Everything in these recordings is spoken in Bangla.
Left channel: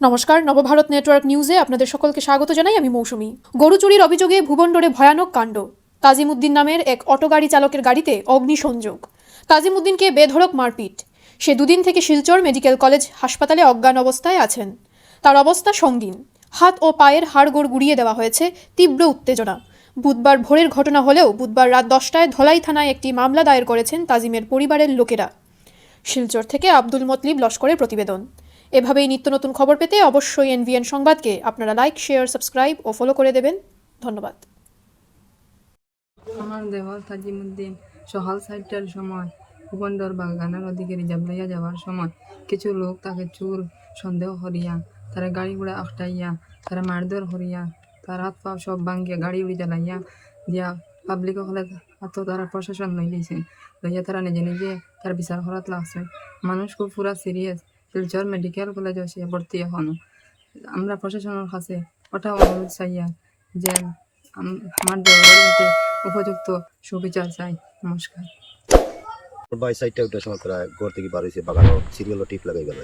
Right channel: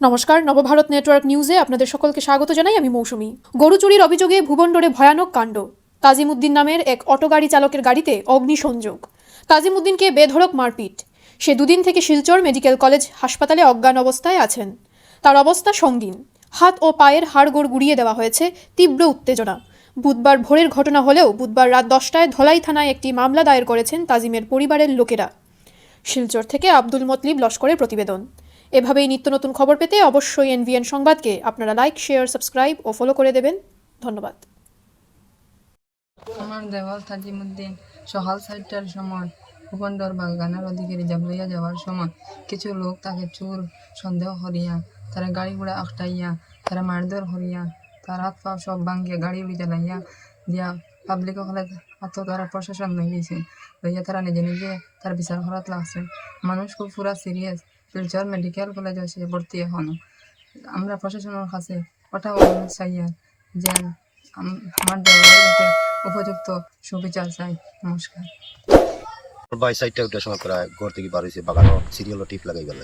নমস্কার, নবভারত নেটওয়ার্ক নিউজে আপনাদের সকলকে স্বাগত জানাই আমি মৌসুমী। গরু চুরির অভিযোগে ভুবনডোরে ভয়ানক কাণ্ড। তাজিমুদ্দিন নামের এক অটো গাড়ি চালকের গাড়িতে অগ্নিসংযোগ। তাজিমুদ্দিনকে বেধড়ক মারপিট। সে দুদিন থেকে শিলচর মেডিকেল কলেজ হাসপাতালে অজ্ঞান অবস্থায় আছেন। তার অবস্থা সঙ্গীন। হাত ও পায়ের হাড়গোড় গুড়িয়ে দেওয়া হয়েছে তীব্র উত্তেজনা। বুধবার ভোরের ঘটনা হলেও বুধবার রাত দশটায় ধলাই থানায় একটি মামলা দায়ের করেছেন তাজিমের পরিবারের লোকেরা। শিলচর থেকে আব্দুল মতলিব লস্করের প্রতিবেদন। এভাবেই নিত্য নতুন খবর পেতে অবশ্যই এনভিএন সংবাদকে আপনারা লাইক, শেয়ার, সাবস্ক্রাইব ও ফলো করে দেবেন। ধন্যবাদ। আমার দেওয়াল সকাল সাতটার সময় ভূপন্দর বাগানের যাওয়ার সময় কিছু লোক তাকে চোর, সন্দেহ তারা গাড়ি ঘোড়া আখটাইয়া তারা মারধর করিয়া, তার হাত পা সব ভাঙ্গিয়া গাড়ি উড়ি জ্বালাইয়া দিয়া পাবলিক হলে অত তারা প্রশাসন লইয়া তারা নিজে নিজে তার বিচার করাত লাগছে। মানুষ খুব পুরা সিরিয়াস শিলচর মেডিকেল কলেজে এসে ভর্তি এখনও আমরা প্রশাসনের কাছে ওটা চাইয়া যে আমার উপযুক্ত সুবিচার চাই। নমস্কার। সময় প্রায় ঘর থেকে বার হয়েছে, বাগানো সিরিয়াল টিপ লাগাই গেল।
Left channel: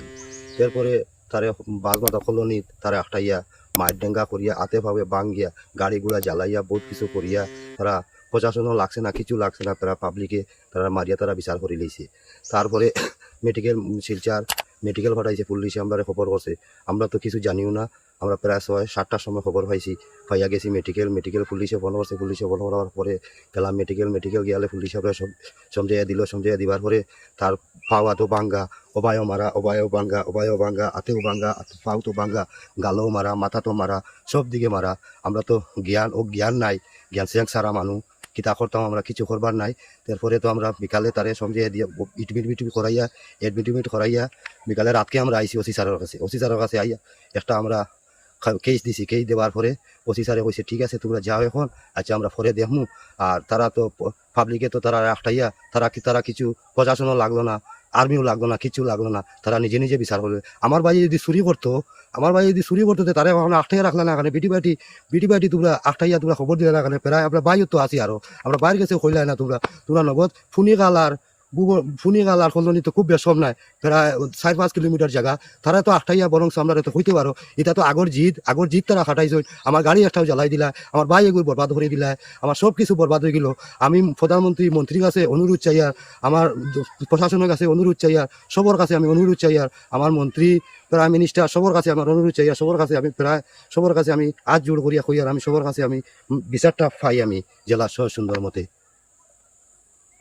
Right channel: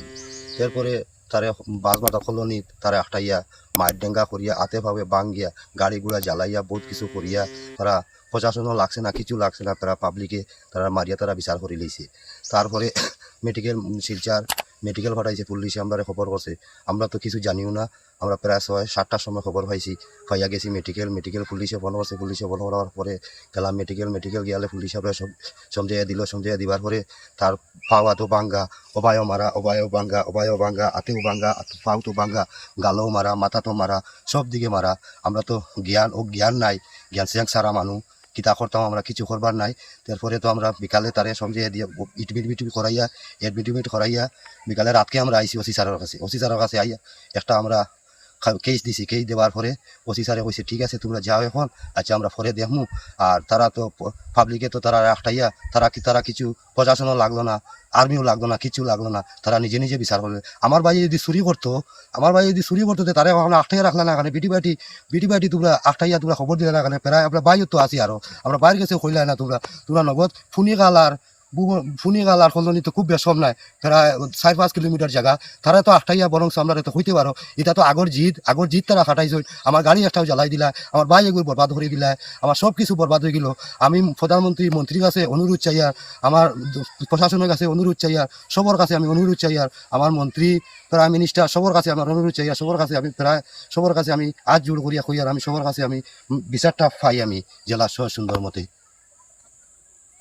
এরপরে তারে মাথা আটাইয়া মায়ের ডেঙ্গা করিয়া আতে ভাবে বাঙ্গিয়া গাড়ি গুড়া জ্বালাইয়া, বহুত কিছু করিয়া, তারা প্রশাসনও লাগছে না, কিছু লাগছে না, তারা পাবলিকে তারা মারিয়া তারা বিচার করে লইছে। তারপরে মেডিকেল শিলচার মেডিকেল পাঠাইছে পুলিশে আমরা খবর করছে। আমরা তো কিছু জানিও না, আমরা প্রায় ছয়, সাতটার সময় খবর পাইছি। পাইয়া গেছি মেডিকেল মেডিকেল পুলিশে ফোন করছে পুলিশে ফোন করার পরে গেলাম মেডিকেল মেডিকেল গিয়ালে পুলিশে আমরা সমঝাইয়া দিল, সমঝাইয়া দিবার পরে তার পাওয়া তো বাঙ্গা অবায় মারা অবায় বাঙ্গা অবায় বাঙ্গা আতেও বাঙ্গা পাও তো বাঙ্গা গালও মারা, মাথা তো মারা সব দিকে মারা। আমরা তো জ্ঞান, ও জ্ঞান নাই, জ্ঞান শেখ সারা মানুষ কিতা করতাম আমরা, কিছু করবার নাই। তারপরে তো আমরা বিকালে তারে সঙ্গে দিয়ে ইটমিট মিট করাইয়া এডমিট মিট করাইয়া, বিকালে রাতকে আমরা আইসি ওসি স্যারের কাছে। ওসি স্যারের কাছে আইয়া একটা আমরা কেস দিছি। কেস দেওয়ার পরে ওসি স্যারে কইছে, ঠিক আছে, তোমরা যাও এখন আচ্ছা আমরা পরে দেখমু। আর তারা তো পাবলিকে তো তারা একটাইয়া তারা কি তারা কিছু প্রশাসনও লাগল না, আর্মিও লাগল না কিছু লাগল না, তারা নিজে নিজে বিচার করবে। আমার ভাই যদি চুরি করতো, আমার ভাই যদি চুরি করতো তারা কখনো আটাইয়া রাখলা না কারণে বেটি বাটি বেটি বাটি তোমরা আটটাইয়া তোমরা খবর দিলে না কারণে প্রায় আমরা বাইরে তো আছি আরও। আমরা বাইরে গেছে কইলা না তোমরা। তোমরা নগদ ফুনি গালার ফুনি গালার কলোনি তো খুব বেসম নাই। প্রায় চার পাঁচ কিলোমিটার জায়গা, তারা তো আটটাইয়া বরং আমরা তো কইতে পারো, এটা তো আগর জিদ আগর জিদ তারা ফাটাইছে। আমার গাড়ি একটাও জ্বালাই দিলা, আমার ভাই এগুলো বরবাদ করে দিলা, আমার সব কিছু বরবাদ হয়ে গেল। আমি প্রধানমন্ত্রী মন্ত্রীর কাছে অনুরোধ চাই আর আমার প্রশাসনের কাছে অনুরোধ চাই আর সবার কাছে আমি অনুরোধ চাই আর আমার মন্ত্রী, প্রাইম মিনিস্টার সবার কাছে আমার অনুরোধ চাই আর সবার কাছে আমি প্রায়, সবার কাছে আমি আজ জোর করিয়া কই আর আমি সবার কাছে আমি বিচারটা পাই আমি জেলা সুন্দর মতে।